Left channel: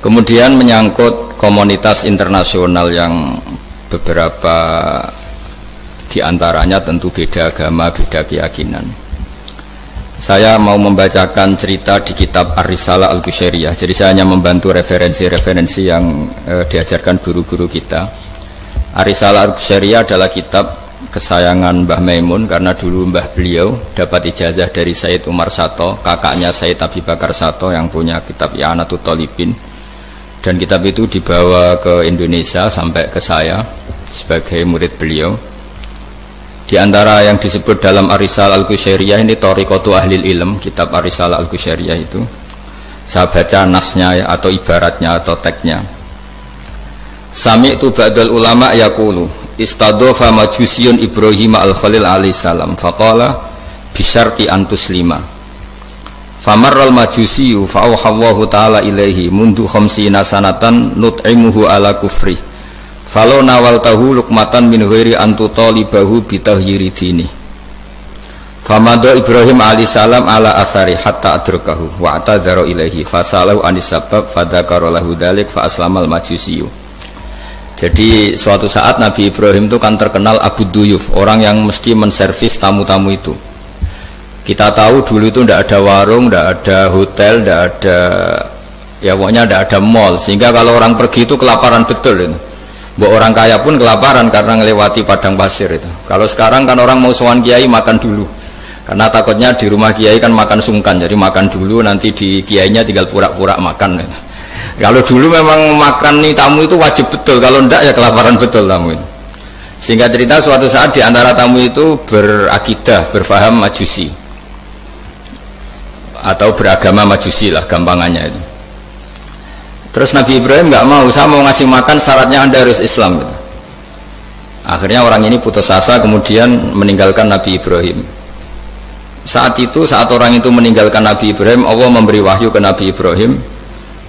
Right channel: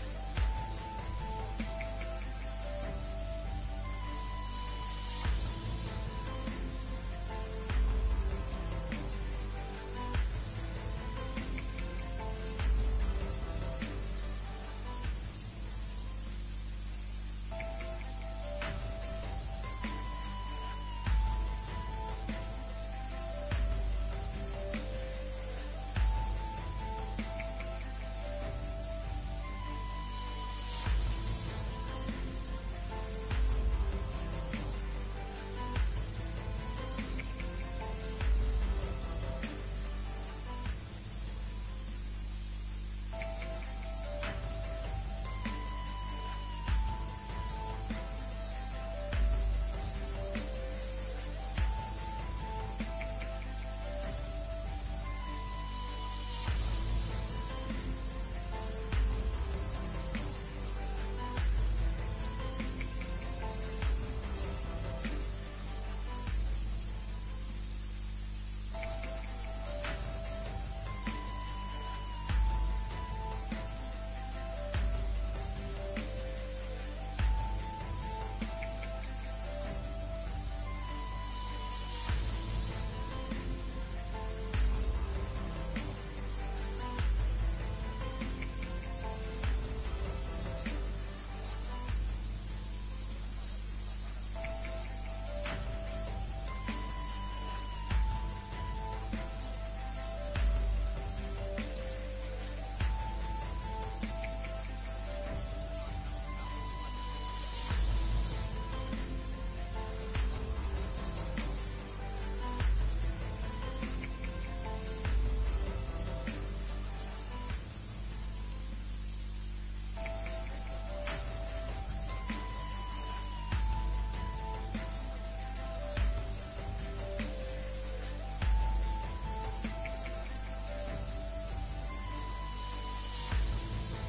Kemudian menyangkut komunitas internasional yang beberapa diantaranya tentu beda agama, beda keyakinan. Saya mau membacakan cerita di kitab Ar-Risalah Al-Qushairiyah. Jadi saya hanya membantu referensi-referensi yang diajarkan guru-guru kita. Ar-Risalah Al-Qushairiyah adalah kitab kesayangan Mbah Maimun karena dulu mbah beliau dapat ijazah dari Sayyid Umar Sato, kakaknya Sayyid Abi Bakar Sato yang punya kitab I'anatul Thalibin. Dan kitab itu dibawa ke Indonesia sampai ke saya sebagai murid beliau. Di antara yang disebut dalam Ar-Risalah Al-Qushairiyah ini Thariqatu Ahlil Ilm, kitab Ar-Risalah Al-Qushairiyah itu. Saya baca nasnya atau ibaratnya atau teksnya. Sami'tu ba'dal ulama yaqulu istadhafa majusiyun Ibrahim al-Khalil alaihi salam faqala bisyarti antuslima. Famarral majusiyu fa'auhallahu ta'ala ilaihi mundu khamsina sanatan nut'imuhu ala kufri falau nawaltahu lukmatan min ghairi antutalibahu bitahyiri dini. Famada Ibrahim alaihissalam ala athari hatta adrakahu wa atadhara ilaihi fasalahu anisabab fadhakara lahu dhalik fa aslamal majusiyu. Jadi suatu saat Nabi Ibrahim itu kan terkenal Abu Duyuf, orang yang mesti menservis tamu-tamu itu. Kita tahu dulu itu tidak ada warung, tidak ada hotel, tidak ada, ya pokoknya tidak ada mall, sehingga kalau orang pergi itu kelaparan betul itu. Buat orang kaya pun kelaparan karena melewati padang pasir itu. Kalau sekarang kan orang mau sowan kiai makan dulu, karena takutnya di rumah kiai kan makan sungkan, jadi makan dulu nanti di kiainya tinggal pura-pura makan. Kalau dulu memang makan nih tamu itu wajib betul, kalau tidak ya kelaparan betul tamu itu. Sehingga cerita suatu saat di antara tamu itu berakidah, berfaham Majusi atau beragama Majusi lah gampangannya itu. Terus Nabi Ibrahim nggak mau, saya mau ngasih makan syaratnya Anda harus Islam gitu. Akhirnya orang ini putus asa kemudian meninggalkan Nabi Ibrahim. Saat itu, saat orang itu meninggalkan Nabi Ibrahim, Allah memberi wahyu ke Nabi Ibrahim.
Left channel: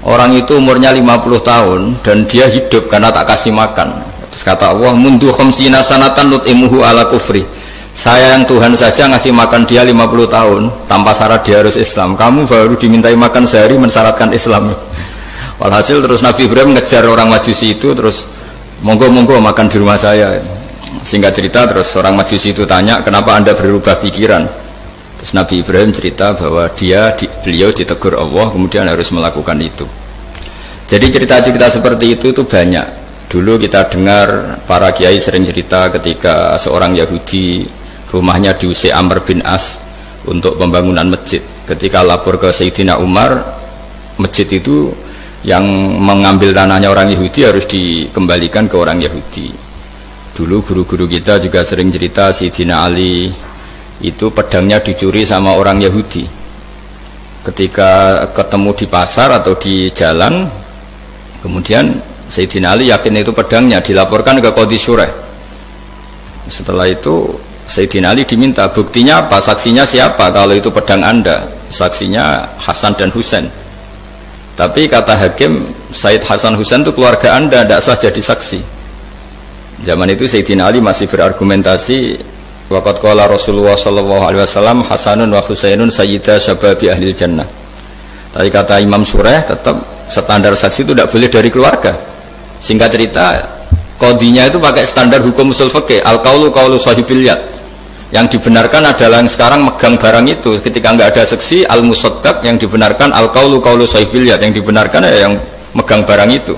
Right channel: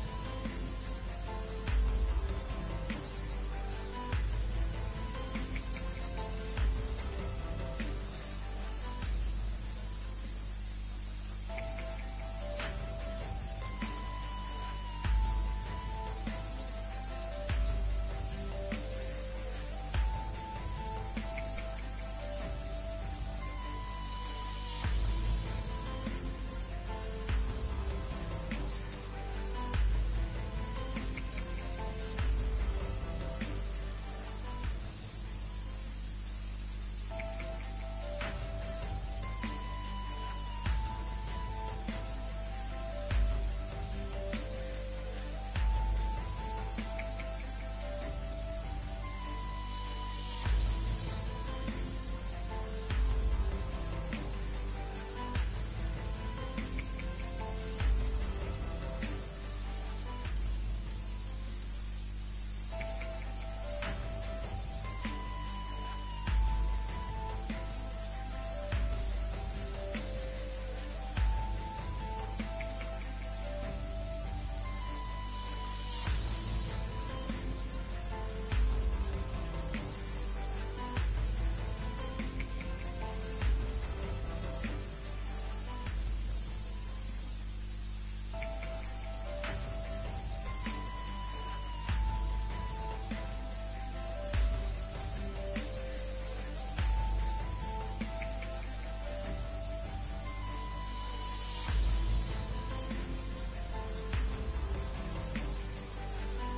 Orang itu umurnya 50 tahun dan dia hidup karena tak kasih makan. Terus kata Allah, mundu khamsina sanatan nut'imuhu ala kufri. Saya yang Tuhan saja ngasih makan dia 50 tahun tanpa syarat dia harus Islam. Kamu baru dimintai makan sehari mensyaratkan Islam. Walhasil terus Nabi Ibrahim ngejar orang Majusi itu, terus monggo-monggo makan di rumah saya. Singkat cerita terus orang Majusi itu tanya, kenapa Anda berubah pikiran? Terus Nabi Ibrahim cerita bahwa beliau ditegur Allah kemudian harus melakukan itu. Jadi cerita-cerita seperti itu banyak. Dulu kita dengar para kiai sering cerita ketika seorang Yahudi rumahnya diusir Amr bin As untuk pembangunan masjid. Ketika lapor ke Sayyidina Umar, masjid itu yang mengambil tanahnya orang Yahudi harus dikembalikan ke orang Yahudi. Dulu guru-guru kita juga sering cerita Sayyidina Ali itu pedangnya dicuri sama orang Yahudi. Ketika ketemu di pasar atau di jalan, kemudian Sayyidina Ali yakin itu pedangnya, dilaporkan ke Qadhi Syureh. Setelah itu Sayyidina Ali diminta, buktinya apa, saksinya siapa kalau itu pedang Anda? Saksinya Hasan dan Husain. Tapi kata hakim, Sayyid Hasan Husain itu keluarga Anda, tidak sah jadi saksi. Zaman itu Sayyidina Ali masih berargumentasi, waqad qala Rasulullah sallallahu alaihi wasallam Hasanun wa Husainun sayyida syababi ahlil jannah. Tapi kata Imam Sureh, tetap standar saksi itu tidak boleh dari keluarga. Singkat cerita, qadhinya itu pakai standar hukum usul fikih, al-qaulu qaulu sahibil yad. Yang dibenarkan adalah yang sekarang megang barang itu. Ketika nggak ada saksi, al-musaddaq, yang dibenarkan al-qaulu qaulu sahibil yad, yang dibenarkan ya yang megang barang itu.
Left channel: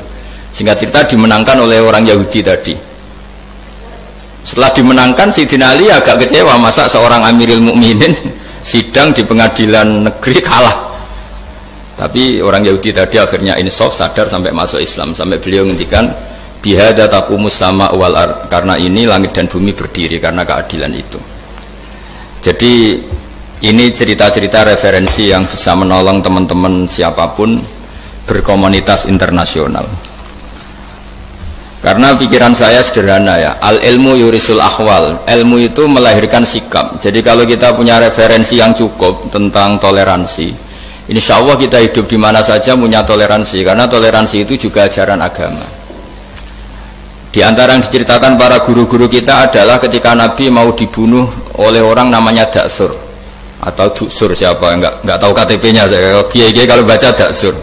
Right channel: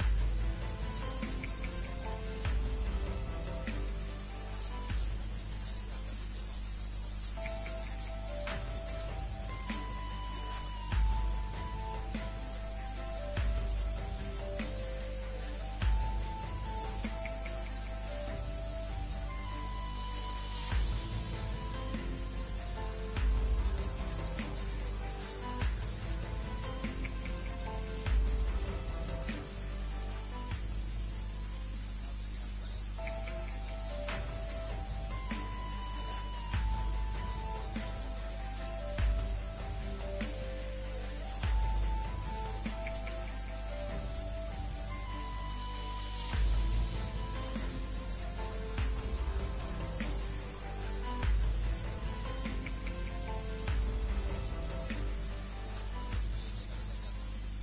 Singkat cerita dimenangkan oleh orang Yahudi tadi. Setelah dimenangkan, Sayyidina Ali agak kecewa, masa seorang Amirul Mukminin sidang di pengadilan negeri kalah. Tapi orang Yahudi tadi akhirnya insaf, sadar sampai masuk Islam, sampai beliau ngendikan bihadza taqumus sama wal ard, karena ini langit dan bumi berdiri karena keadilan itu. Jadi ini cerita-cerita referensi yang bisa menolong teman-teman siapapun berkomunitas internasional. Karena pikiran saya sederhana ya, al ilmu yurisul ahwal, ilmu itu melahirkan sikap. Jadi kalau kita punya referensi yang cukup tentang toleransi, insya Allah kita hidup di mana saja punya toleransi, karena toleransi itu juga ajaran agama. Di antara yang diceritakan para guru-guru kita adalah ketika Nabi mau dibunuh oleh orang namanya Daksur atau Duksur, siapa enggak tahu KTP-nya saya. Kiai-kiai kalau baca Daksur.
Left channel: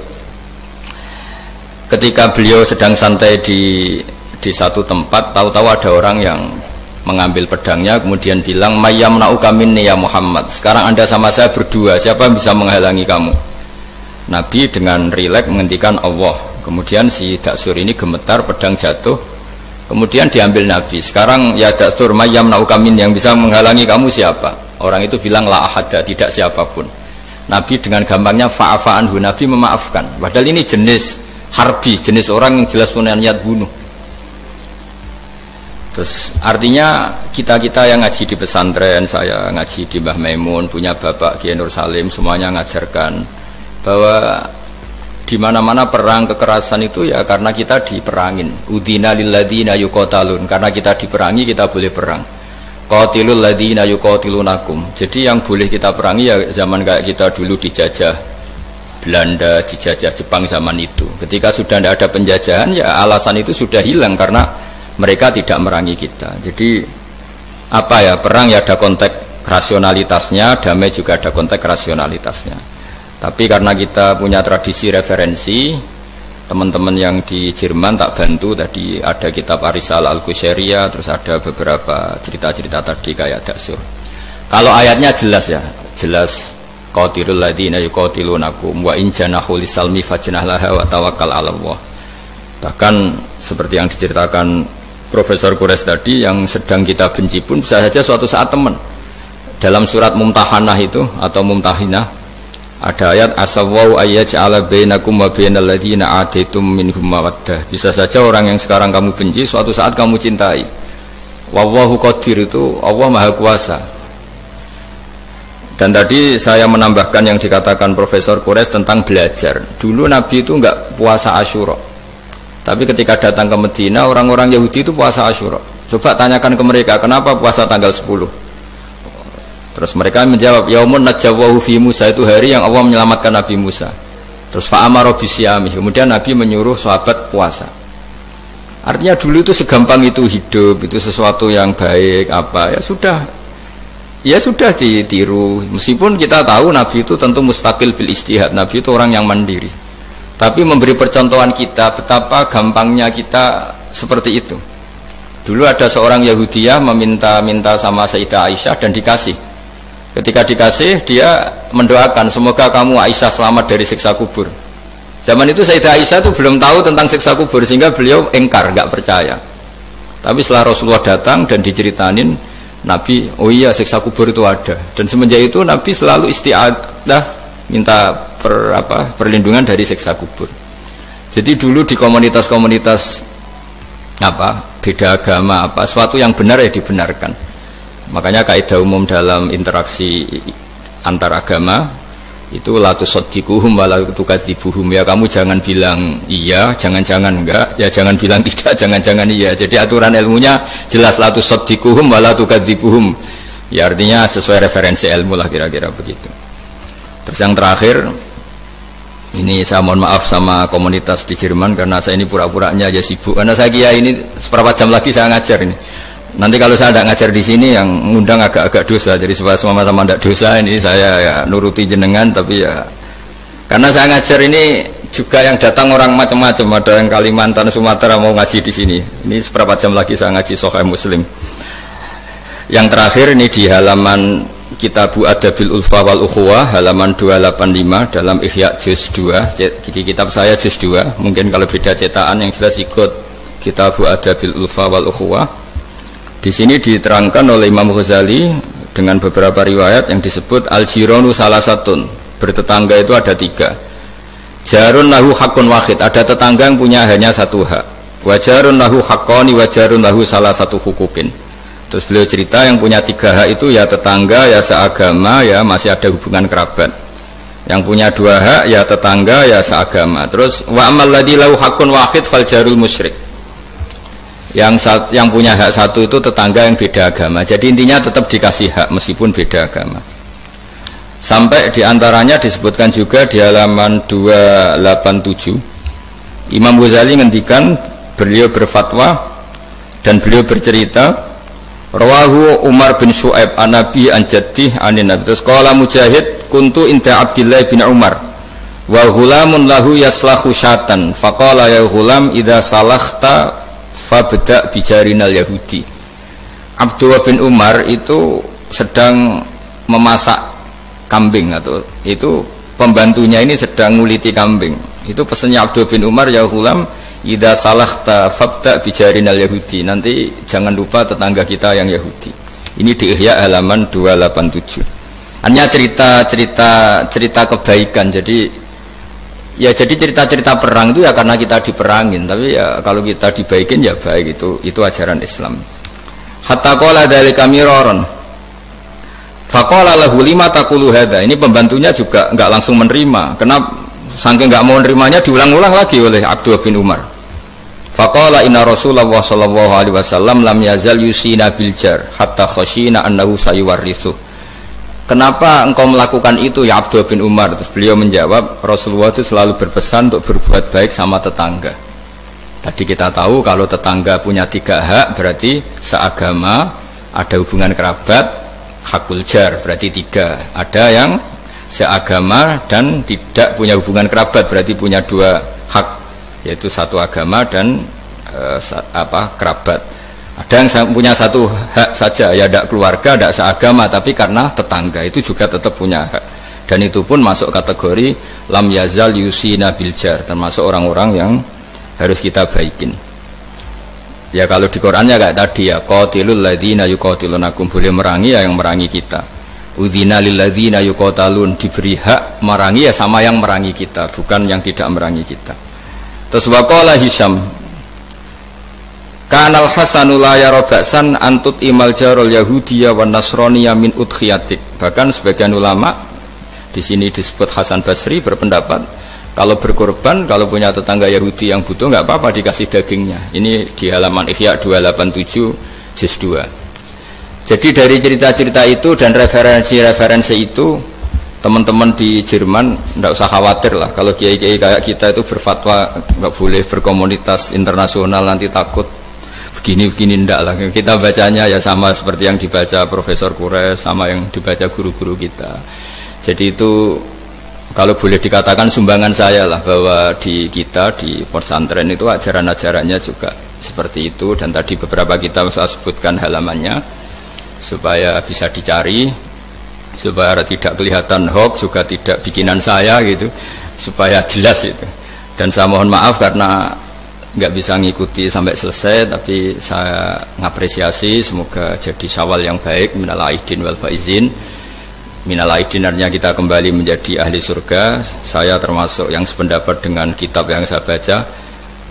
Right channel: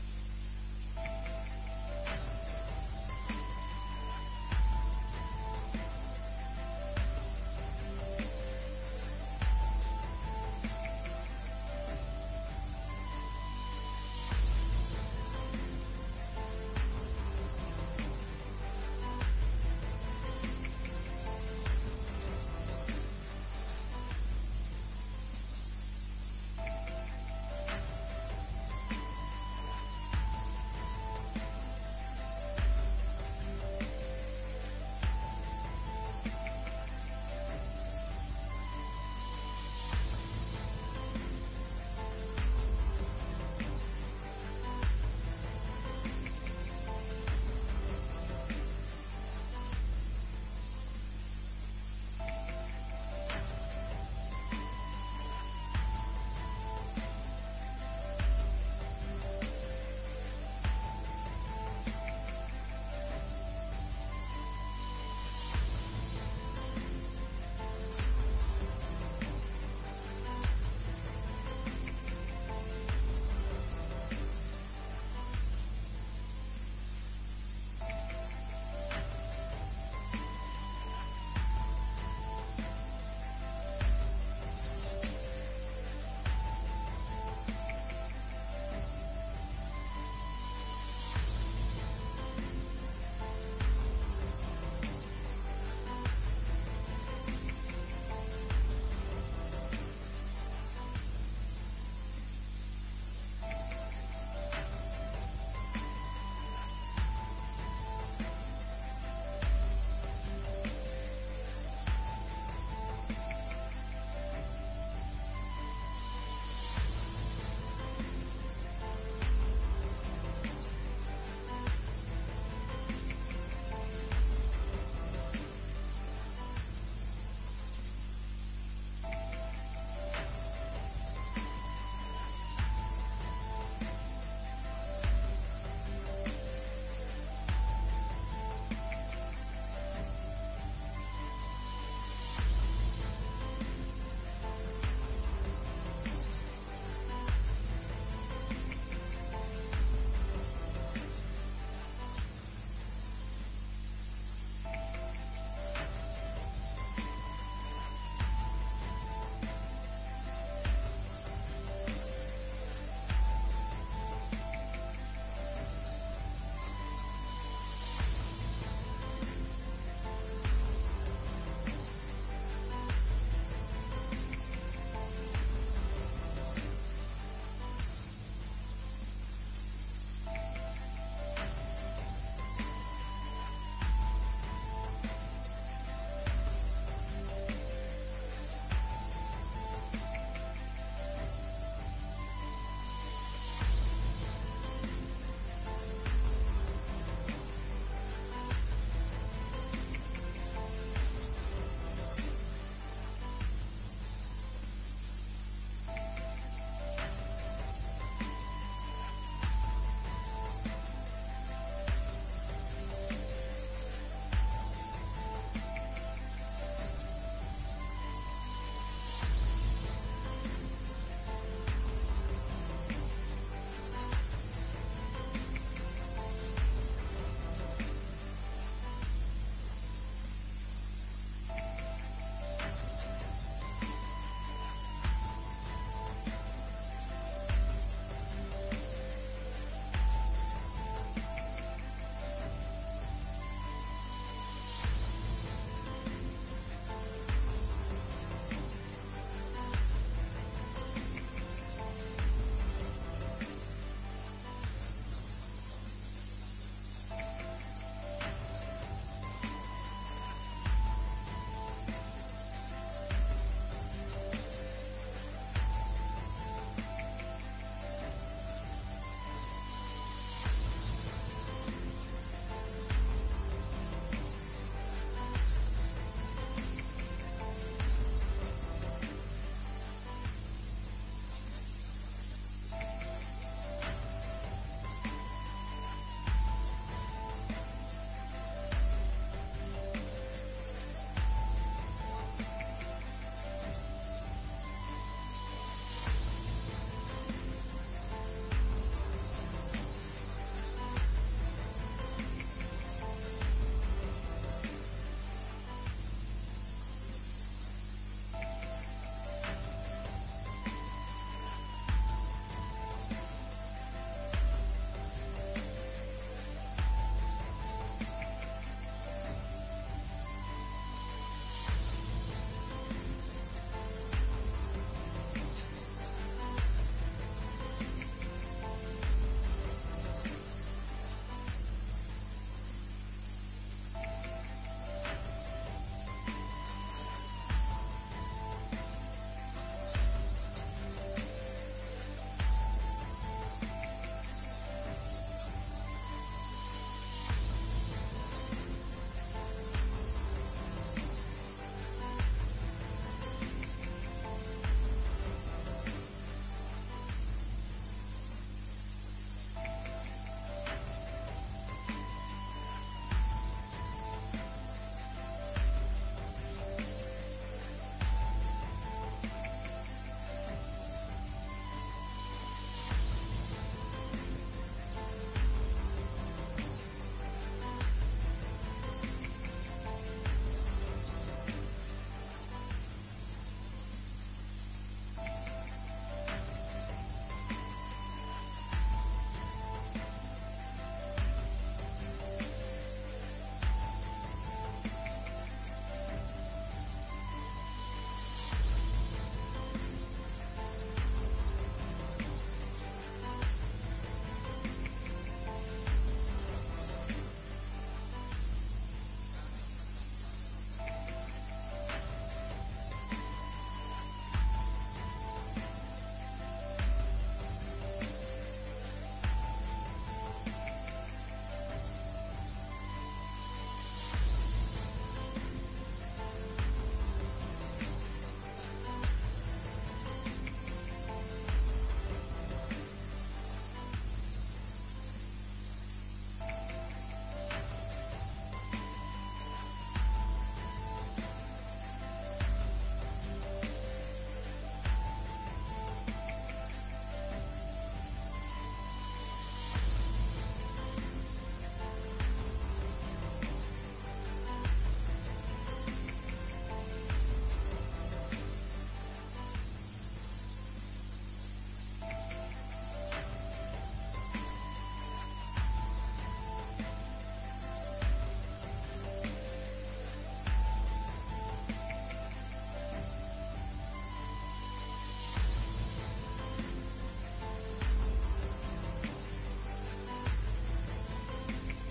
ketika beliau sedang santai di satu tempat, tahu-tahu ada orang yang mengambil pedangnya kemudian bilang, mayyamna'uka minni ya Muhammad, sekarang anda sama saya berdua, siapa yang bisa menghalangi kamu? Nabi dengan rileks menghentikan Allah. Kemudian si Daksur ini gemetar, pedang jatuh, kemudian diambil Nabi. Sekarang ya Daksur, mayyamna'uka minni, yang bisa menghalangi kamu siapa? Orang itu bilang la ahada, tidak siapapun. Nabi dengan gampangnya fa'afa'anhu, Nabi memaafkan. Padahal ini jenis harbi, jenis orang yang jelas punya niat bunuh. Terus artinya kita-kita yang ngaji di pesantren, saya ngaji di Mbah Maimun, punya Bapak Kiai Nur Salim, semuanya ngajarkan bahwa di mana-mana perang kekerasan itu ya karena kita diperangin. Udina lilladzina yuqatalun, karena kita diperangi kita boleh perang. Qatilul ladzina yuqatilunakum. Jadi yang boleh kita perangi ya zaman kayak kita dulu dijajah Belanda, dijajah Jepang zaman itu. Ketika sudah tidak ada penjajahan ya alasan itu sudah hilang karena mereka tidak merangi kita. Jadi apa ya, perang ya ada konteks rasionalitasnya, damai juga ada konteks rasionalitasnya. Tapi karena kita punya tradisi referensi, teman-teman yang di Jerman tak bantu, tadi ada kitab Arisal Al-Qushairiyah, terus ada beberapa cerita-cerita tadi kayak Daksur. Kalau ayatnya jelas ya, jelas qatilul ladzina yuqatilunakum wa in janahu lisalmi fajnah laha wa tawakkal 'ala Allah. Bahkan seperti yang diceritakan Profesor Quraisy tadi, yang sedang kita benci pun bisa saja suatu saat teman. Dalam surat Mumtahanah itu atau Mumtahinah ada ayat asawwau ayyaj'ala bainakum wa bainal ladzina ataitum minhum mawaddah. Bisa saja orang yang sekarang kamu benci suatu saat kamu cintai. Wallahu qadir, itu Allah Maha Kuasa. Dan tadi saya menambahkan yang dikatakan Profesor Quraisy tentang belajar. Dulu Nabi itu enggak puasa Asyura. Tapi ketika datang ke Medina, orang-orang Yahudi itu puasa Asyura. Coba tanyakan ke mereka, kenapa puasa tanggal 10? Terus mereka menjawab, yaumun najjawahu fi Musa, itu hari yang Allah menyelamatkan Nabi Musa. Terus fa'amara bisyami, kemudian Nabi menyuruh sahabat puasa. Artinya dulu itu segampang itu hidup, itu sesuatu yang baik apa ya sudah ditiru. Meskipun kita tahu Nabi itu tentu mustaqil bil istihad, Nabi itu orang yang mandiri. Tapi memberi percontohan kita betapa gampangnya kita seperti itu. Dulu ada seorang Yahudiyah meminta sama Sayyidah Aisyah dan dikasih. Ketika dikasih, dia mendoakan semoga kamu Aisyah selamat dari siksa kubur. Zaman itu Sayyidah Aisyah itu belum tahu tentang siksa kubur, sehingga beliau engkar, nggak percaya. Tapi setelah Rasulullah datang dan diceritanin Nabi, oh iya siksa kubur itu ada. Dan semenjak itu Nabi selalu isti'adah, minta perlindungan dari siksa kubur. Jadi dulu di komunitas-komunitas beda agama sesuatu yang benar ya dibenarkan. Makanya kaidah umum dalam interaksi antar agama itu la tusaddiquhum wa la tukadzibuhum, ya kamu jangan bilang iya, jangan-jangan enggak, ya jangan bilang tidak, jangan-jangan iya. Jadi aturan ilmunya jelas la tusaddiquhum wa la tukadzibuhum. Ya artinya sesuai referensi ilmu lah kira-kira begitu. Terus yang terakhir, ini saya mohon maaf sama komunitas di Jerman karena saya ini pura-puranya aja sibuk. Karena saya kira ini seberapa jam lagi saya ngajar ini. Nanti kalau saya tidak ngajar di sini yang ngundang agak-agak dosa. Jadi supaya sama-sama tidak dosa, ini saya ya nuruti jenengan. Tapi ya karena saya ngajar ini juga yang datang orang macam-macam. Ada yang Kalimantan, Sumatera mau ngaji di sini. Ini seberapa jam lagi saya ngaji Sahih Muslim. Yang terakhir ini di halaman Kitabu Adabil Ulfa wal Ukhuwah halaman 285 dalam Ihya juz 2. Di kitab saya juz 2. Mungkin kalau beda cetakan yang jelas ikut Kitabu Adabil Ulfa wal Ukhuwah. Di sini diterangkan oleh Imam Ghazali dengan beberapa riwayat yang disebut al-jiranu salasatun, bertetangga itu ada 3. Jarun lahu hakun wahid, ada tetangga yang punya hanya satu hak. Wajarun lahu haqqani wajarun lahu salah satu hukukin. Terus beliau cerita yang punya 3 hak itu ya tetangga, ya seagama, ya masih ada hubungan kerabat. Yang punya 2 hak ya tetangga, ya seagama. Terus wa amal ladzi lahu hakun wahid fal jarul musyrik. Yang punya hak satu itu tetangga yang beda agama. Jadi intinya tetap dikasih hak meskipun beda agama. Sampai diantaranya disebutkan juga di halaman 287 Imam Ghazali ngendikan, beliau berfatwa dan beliau bercerita, rawahu Umar bin Shu'aib an Nabi an Jaddih anin Nabi. Terus qala Mujahid kuntu inda Abdillah bin Umar Wa ghulamun lahu yaslahu syatan faqala ya ghulam idza salakhta fabda bijarinal yahudi. Abdullah bin Umar itu sedang memasak kambing, atau itu pembantunya ini sedang nguliti kambing. Itu pesannya Abdullah bin Umar, ya ghulam idza salakhta fabda bijarinal yahudi, nanti jangan lupa tetangga kita yang Yahudi. Ini di Ihya halaman 287. Hanya cerita kebaikan. Jadi cerita perang itu ya karena kita diperangin, tapi ya kalau kita dibaikin ya baik, itu ajaran Islam. Hatta qala dzalika miraron. Faqala lahu lima taqulu hadza. Ini pembantunya juga enggak langsung menerima. Kenapa? Saking enggak mau nerimanya diulang-ulang lagi oleh Abdullah bin Umar. Faqala inna Rasulullah sallallahu alaihi wasallam lam yazal yusina bil jar hatta khashina annahu sayuwarrithu. Kenapa engkau melakukan itu ya Abdullah bin Umar? Terus beliau menjawab, Rasulullah itu selalu berpesan untuk berbuat baik sama tetangga. Tadi kita tahu kalau tetangga punya 3 hak, berarti seagama, ada hubungan kerabat, hakul jar, berarti 3. Ada yang seagama dan tidak punya hubungan kerabat, berarti punya 2 hak, yaitu satu agama dan kerabat. Ada yang punya 1 hak saja, ya tidak keluarga, tidak seagama, tapi karena tetangga, itu juga tetap punya hak. Dan itu pun masuk kategori lam yazal yusina bil jar, termasuk orang-orang yang harus kita baikin. Ya kalau di Qur'annya kayak tadi ya, qatilul ladzina yuqatilunakum, boleh merangi ya yang merangi kita. Udzina lil ladzina yuqatalun, diberi hak merangi ya sama yang merangi kita, bukan yang tidak merangi kita. Terus waqala Hisham, kanal hasanu la yara ba'san antut imal jarul yahudiyya wan nasraniyya min udkhiyatik. Bahkan sebagian ulama di sini disebut Hasan Basri berpendapat kalau berkorban, kalau punya tetangga Yahudi yang butuh nggak apa-apa dikasih dagingnya. Ini di halaman Ihya 287 juz 2. Jadi dari cerita-cerita itu dan referensi-referensi itu, teman-teman di Jerman nggak usah khawatir lah. Kalau kiai-kiai kayak kita itu berfatwa nggak boleh berkomunitas internasional, nanti takut begini-begini, ndak lah. Kita bacanya ya sama seperti yang dibaca Profesor Kures, sama yang dibaca guru-guru kita. Jadi itu kalau boleh dikatakan sumbangan saya lah, bahwa di kita di pesantren itu ajaran-ajarannya juga seperti itu. Dan tadi beberapa kita saya sebutkan halamannya supaya bisa dicari, supaya tidak kelihatan hoax, juga tidak bikinan saya gitu, supaya jelas itu. Dan saya mohon maaf karena nggak bisa ngikuti sampai selesai, tapi saya ngapresiasi, semoga jadi syawal yang baik. Minal aidin wal faizin. Minal aidin artinya kita kembali menjadi ahli surga. Saya termasuk yang sependapat dengan kitab yang saya baca.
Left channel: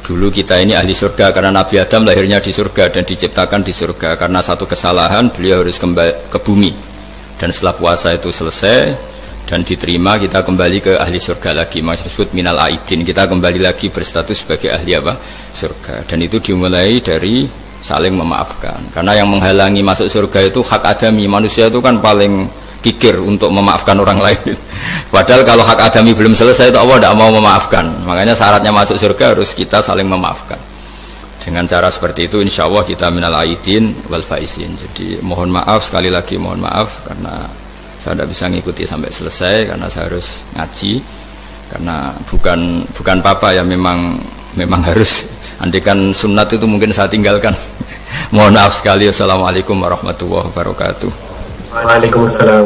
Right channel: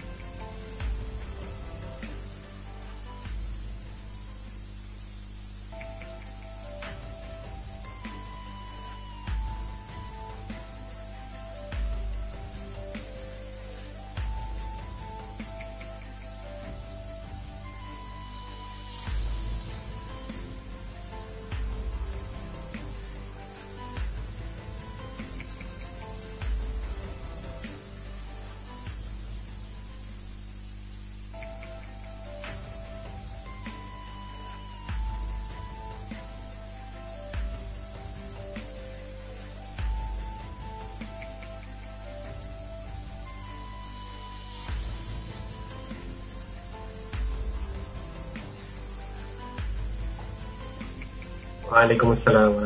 Dulu kita ini ahli surga karena Nabi Adam lahirnya di surga dan diciptakan di surga. Karena satu kesalahan beliau harus kembali ke bumi. Dan setelah puasa itu selesai dan diterima, kita kembali ke ahli surga lagi. Maksud minal aidin, kita kembali lagi berstatus sebagai ahli surga. Dan itu dimulai dari saling memaafkan. Karena yang menghalangi masuk surga itu hak adami. Manusia itu kan paling kikir untuk memaafkan orang lain. Padahal kalau hak adami belum selesai itu Allah tidak mau memaafkan. Makanya syaratnya masuk surga harus kita saling memaafkan. Dengan cara seperti itu insya Allah kita minal aidin wal faizin. Jadi mohon maaf, sekali lagi mohon maaf karena saya tidak bisa ngikuti sampai selesai karena saya harus ngaji. Karena bukan papa ya, memang harus. Andikan sunat itu mungkin saya tinggalkan. Mohon maaf sekali. Assalamualaikum warahmatullahi wabarakatuh. Waalaikumsalam.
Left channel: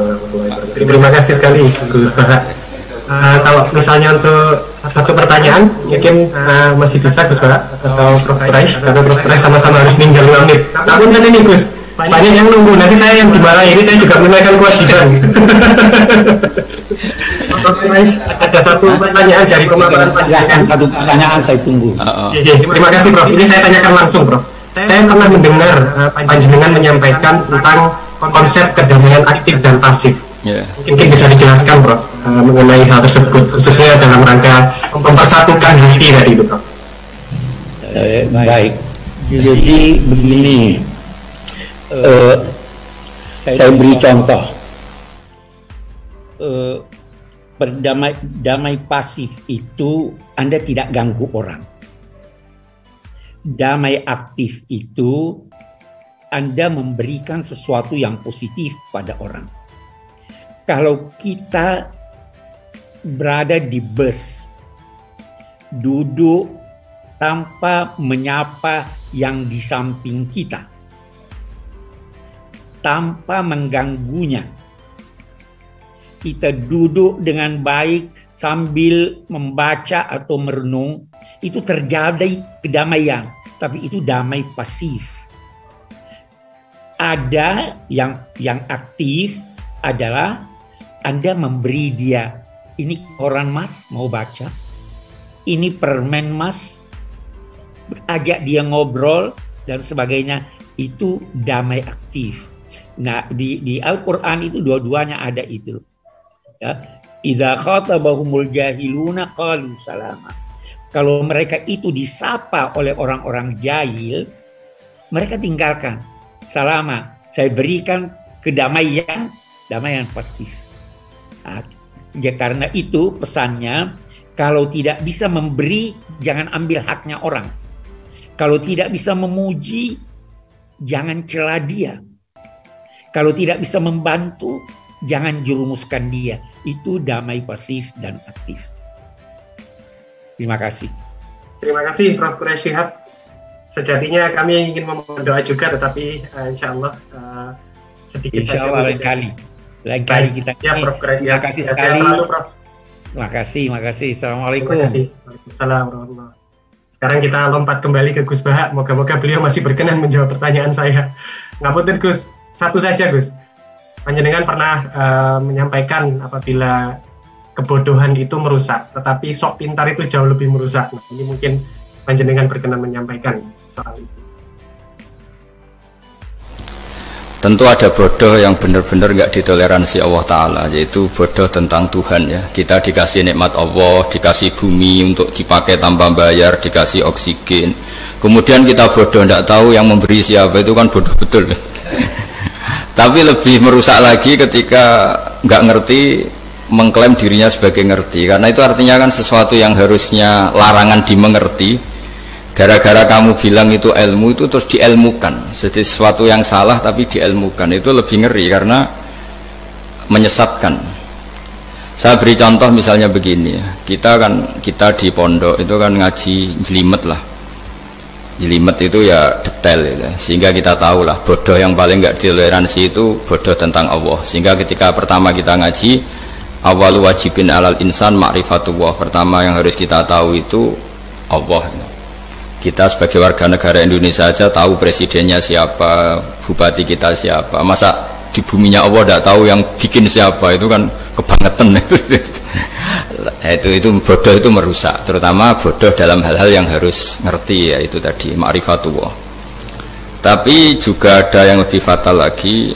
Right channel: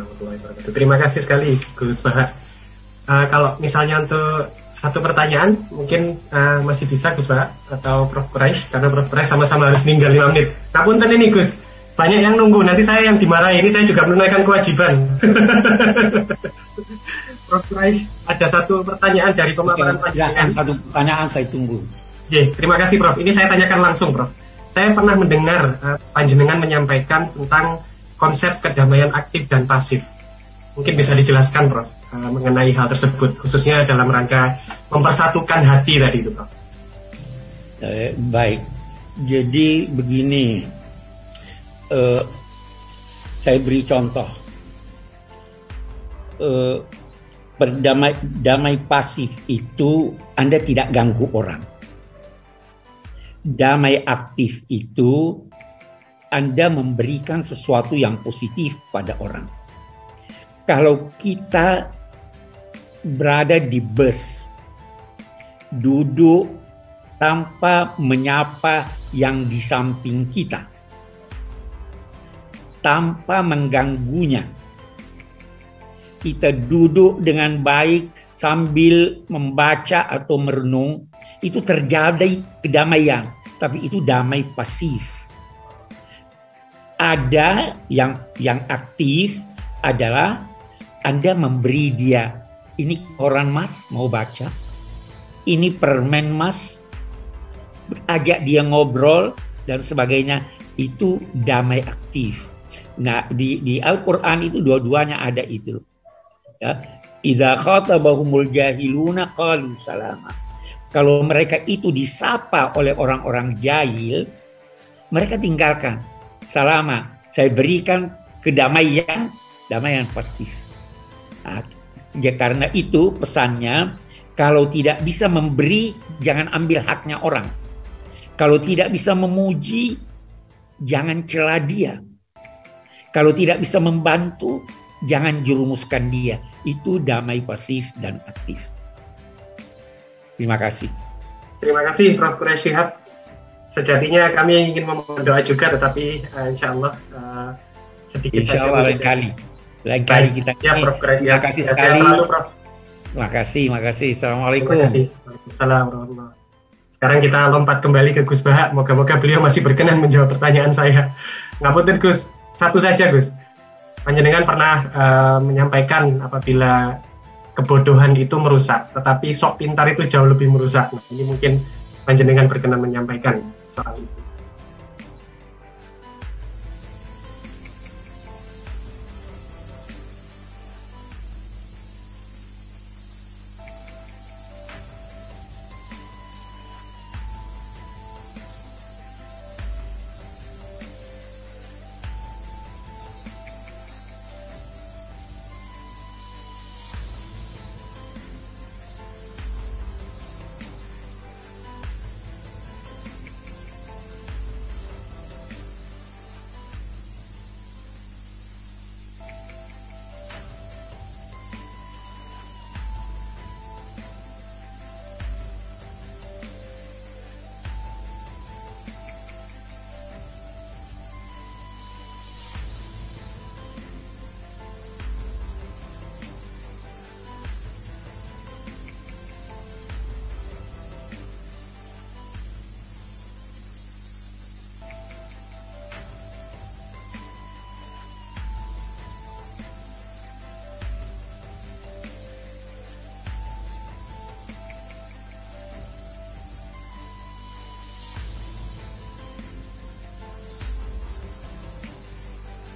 Terima kasih sekali Guru Ustaz. Kalau misalnya untuk satu pertanyaan mungkin masih bisa Gus Pak atau Prof Rais sama-sama harus tinggal 2 menit. Tapi ini Gus, banyak yang menggunakan saya kembali ini saya juga mengenai kewajiban. Prof Rais, ada satu pertanyaan dari satu pertanyaan saya tunggu. Terima kasih Prof. Ini saya tanyakan langsung Prof. Saya pernah mendengar panjenengan menyampaikan tentang konsep kedamaian aktif dan pasif. Mungkin bisa dijelaskan Prof mengenai hal tersebut, khususnya dalam rangka mempersatukan diri tadi itu Prof. Baik, jadi begini, saya beri contoh. Damai pasif itu Anda tidak ganggu orang. Damai aktif itu Anda memberikan sesuatu yang positif pada orang. Kalau kita berada di bus, duduk tanpa menyapa yang di samping kita, tanpa mengganggunya. Kita duduk dengan baik sambil membaca atau merenung, itu terjadi kedamaian, tapi itu damai pasif. Ada yang aktif adalah Anda memberi dia, ini koran Mas mau baca, ini permen Mas, ajak dia ngobrol dan sebagainya, itu damai aktif. Nah, di Al-Quran itu dua-duanya ada itu. Ya, idza khatabahumul jahiluna qalu salama. Kalau mereka itu disapa oleh orang-orang jahil, mereka tinggalkan. Salama, saya berikan kedamaian, damaian pasif. Nah, ya karena itu pesannya, kalau tidak bisa memberi, jangan ambil haknya orang. Kalau tidak bisa memuji, jangan cela dia. Kalau tidak bisa membantu, jangan jerumuskan dia. Itu damai pasif dan aktif. Terima kasih. Terima kasih Prof. Quraish Shihab. Sejatinya kami ingin memohon doa juga, tetapi insya Allah sedikit insya Allah lain kali kita. Ya, Prof. Quraish Shihab. Terima kasih sekali. Selalu, Prof. Terima kasih. Assalamualaikum. Terima kasih. Waalaikumsalam. Sekarang kita lompat kembali ke Gus Bahak. Moga-moga beliau masih berkenan menjawab pertanyaan saya. Ngapunten Gus, satu saja Gus. Panjenengan pernah menyampaikan apabila kebodohan itu merusak, tetapi sok pintar itu jauh lebih merusak. Nah, ini mungkin panjenengan berkenan menyampaikan soal itu. Tentu ada bodoh yang benar-benar nggak ditoleransi Allah Ta'ala, yaitu bodoh tentang Tuhan ya. Kita dikasih nikmat Allah, dikasih bumi untuk dipakai tanpa bayar, dikasih oksigen. Kemudian kita bodoh, nggak tahu yang memberi siapa, itu kan bodoh betul. Tapi lebih merusak lagi ketika nggak ngerti, mengklaim dirinya sebagai ngerti. Karena itu artinya kan sesuatu yang harusnya larangan dimengerti, gara-gara kamu bilang itu ilmu, itu terus diilmukan. Jadi sesuatu yang salah tapi diilmukan, itu lebih ngeri karena menyesatkan. Saya beri contoh misalnya begini ya. Kita di pondok itu kan ngaji jelimet lah. Jelimet itu ya detail ya. Sehingga kita tahu lah bodoh yang paling nggak ditoleransi itu bodoh tentang Allah. Sehingga ketika pertama kita ngaji, awal wajibin alal insan ma'rifatullah, pertama yang harus kita tahu itu Allah. Kita sebagai warga negara Indonesia aja tahu presidennya siapa, bupati kita siapa. Masa di buminya Allah tidak tahu yang bikin siapa, itu kan kebangetan. Itu bodoh, itu merusak. Terutama bodoh dalam hal-hal yang harus ngerti, ya itu tadi ma'rifatullah. Tapi juga ada yang lebih fatal lagi,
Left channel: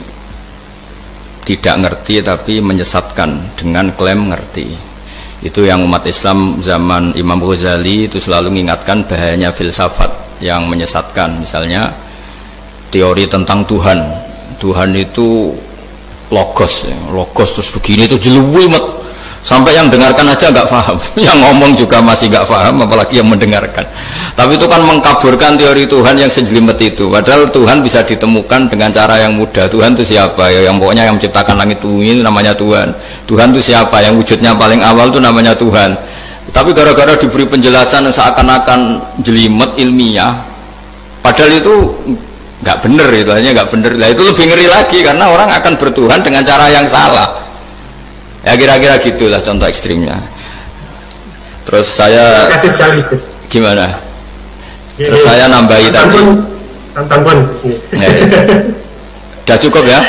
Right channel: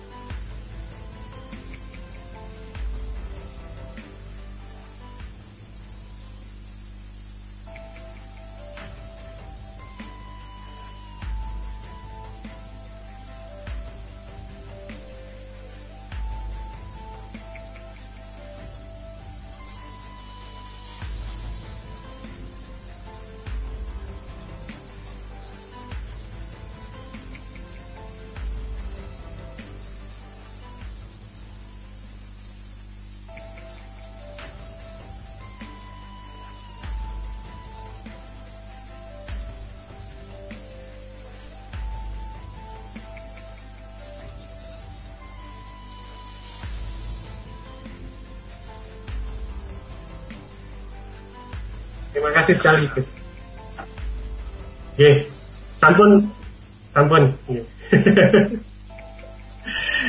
tidak ngerti tapi menyesatkan dengan klaim ngerti. Itu yang umat Islam zaman Imam Ghazali itu selalu mengingatkan bahayanya filsafat yang menyesatkan. Misalnya teori tentang Tuhan itu logos terus begini itu jeluwimet, sampai yang dengarkan aja nggak paham, yang ngomong juga masih nggak paham, apalagi yang mendengarkan. Tapi itu kan mengkaburkan teori Tuhan yang sejelimet itu. Padahal Tuhan bisa ditemukan dengan cara yang mudah. Tuhan itu siapa? Ya, yang pokoknya yang menciptakan langit bumi itu namanya Tuhan. Tuhan itu siapa? Yang wujudnya paling awal itu namanya Tuhan. Tapi gara-gara diberi penjelasan seakan-akan jelimet ilmiah, padahal itu nggak benar, itu hanya nggak benar. Nah, itu lebih ngeri lagi karena orang akan bertuhan dengan cara yang salah. Ya kira-kira gitulah contoh ekstrimnya. Terus saya gimana? Terus saya nambahi tadi. Tonton. Udah cukup ya?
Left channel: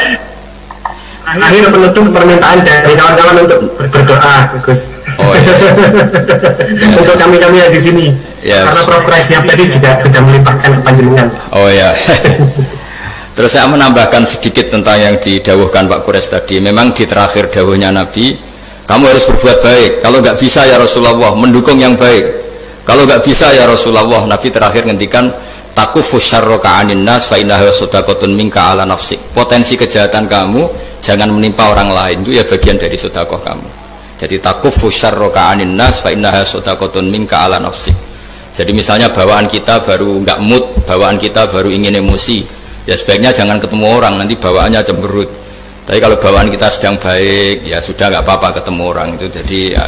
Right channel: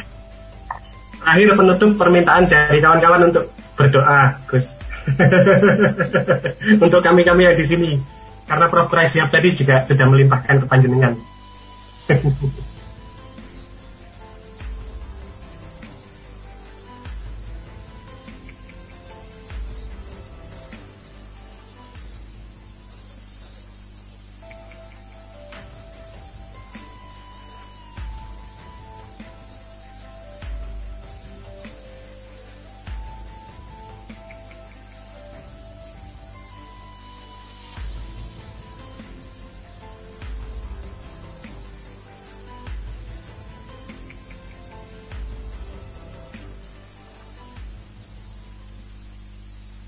Akhir penutup permintaan dari kawan-kawan untuk berdoa, Gus. Oh iya. Untuk kami yang di sini. Ya. Karena progres yang tadi sudah melibatkan panjenengan. Oh ya. Terus saya menambahkan sedikit tentang yang didawuhkan Pak Quraish tadi. Memang di terakhir dawuhnya Nabi, kamu harus berbuat baik. Kalau nggak bisa ya Rasulullah, mendukung yang baik. Kalau nggak bisa ya Rasulullah, Nabi terakhir ngendikan takufu syarroka anin nas fa innaha sadaqatun minka ala nafsik. Potensi kejahatan kamu jangan menimpa orang lain, itu ya bagian dari sedekah kamu. Jadi takufu syarroka anin nas fa innaha sadaqatun minka ala nafsik. Jadi misalnya bawaan kita baru nggak mood, bawaan kita baru ingin emosi, ya sebaiknya jangan ketemu orang, nanti bawaannya cemberut. Tapi kalau bawaan kita sedang baik, ya sudah nggak apa-apa ketemu orang itu. Jadi ya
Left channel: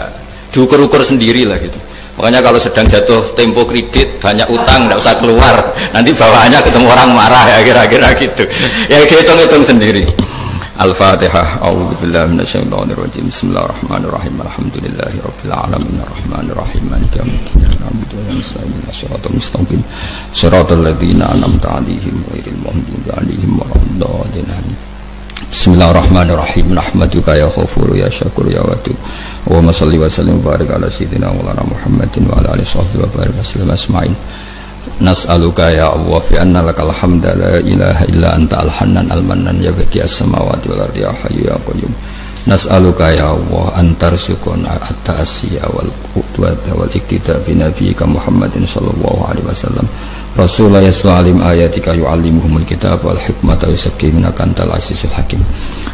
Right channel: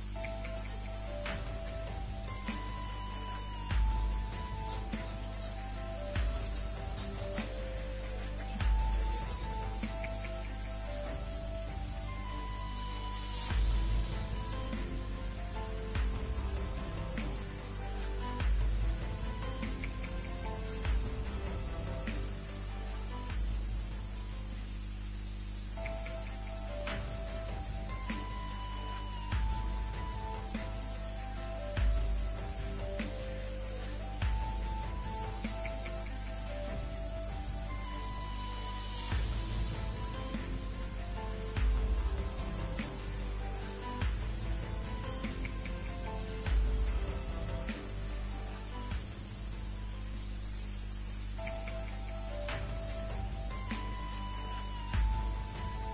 diukur-ukur sendiri lah gitu. Makanya kalau sedang jatuh tempo kredit, banyak utang, tidak usah keluar, nanti bawaannya ketemu orang marah ya kira-kira gitu. Ya hitung-hitung sendiri. Al-Fatihah. A'udzubillahi minasyaitonirrajim. Bismillahirrahmanirrahim. Alhamdulillahirabbil alamin arrahmanir rahim maliki yaumiddin. Na'budu wa nasta'inu shiratal mustaqim. Shiratal ladzina an'amta 'alaihim ghairil maghdubi 'alaihim waladdallin. Bismillahirrahmanirrahim. Nahmaduka ya Ghafur ya Syakur ya Wadud. Allahumma shalli wa sallim wa barik ala sayyidina Maulana Muhammadin wa ala alihi washabbihi wa barik wasallam asma'in. Nas'aluka ya Allah fi anna lakal hamda la ilaha illa anta al-hannan al-mannan ya badi as-samawati wal ardi ya hayyu ya qayyum. Nas'aluka ya Allah antarzuqna at-ta'siya wal qudwata wal iktida bi nabiyyika Muhammadin sallallahu alaihi wasallam. Rasulullah yas'alim ayatika yu'allimuhumul kitab wal hikmata yusakkimuna kantal azizul hakim.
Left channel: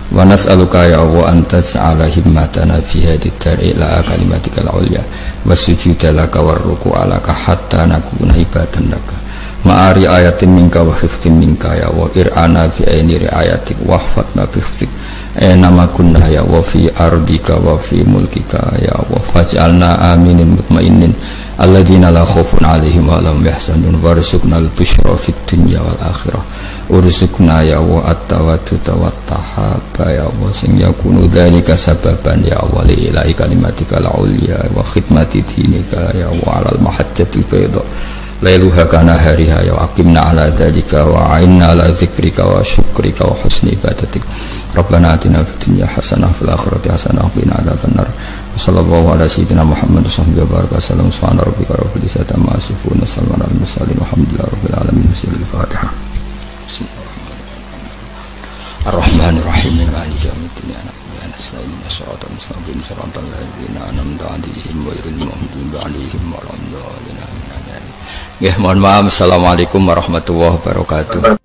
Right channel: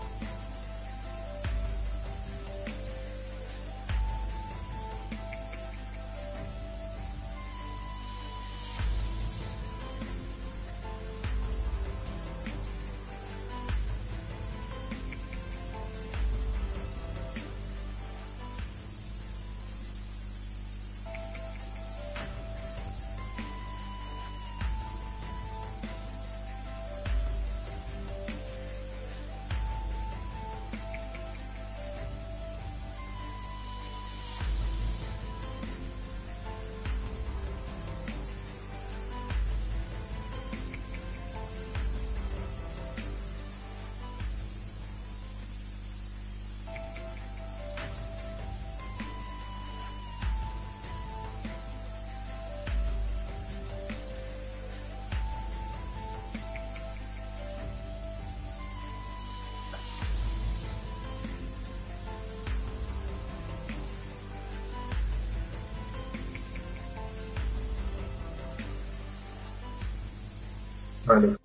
Wa nas'aluka ya Allah antaj'ala himmatana fi hadhihi ad-dari ila kalimatikal ulya wasujuda laka warruku'a laka hatta nakuna ibadan laka ma'ari ayatin minka wa khiftin minka ya wa ir'ana bi aini riayatik wa hfatna bi khiftik nama kunna ya wa fi ardika wa fi mulkika ya wa faj'alna aminin mutmainin alladzina la khaufun 'alaihim wa lahum yahzanun warzuqna al-busyra fid dunya wal akhirah urzuqna ya wa at-tawadduda wat tahaba ya wa sing yakunu dzalika sababan ya wa li ilahi kalimatika al-ulya wa khidmati dinika ya wa 'alal mahajjatil bayda lailuha kana hariha ya aqimna 'ala dzalika wa 'inna 'ala dzikrika wa syukrika wa husni ibadatik rabbana atina fid dunya hasanah fil akhirati hasanah wa qina adzabannar sallallahu ala sayyidina Muhammad wa baraka sallam subhana rabbika rabbil izzati amma yasifun wa salamun alal mursalin walhamdulillahi rabbil alamin. Al-Fatihah. Ar-Rahmanir-Rahim maliki yaumiddin nasta'inu siratal mustaqim siratal ladzina an'amta 'alaihim ghairil maghdubi 'alaihim waladdallin. Nggih, mohon maaf. Assalamualaikum warahmatullahi wabarakatuh.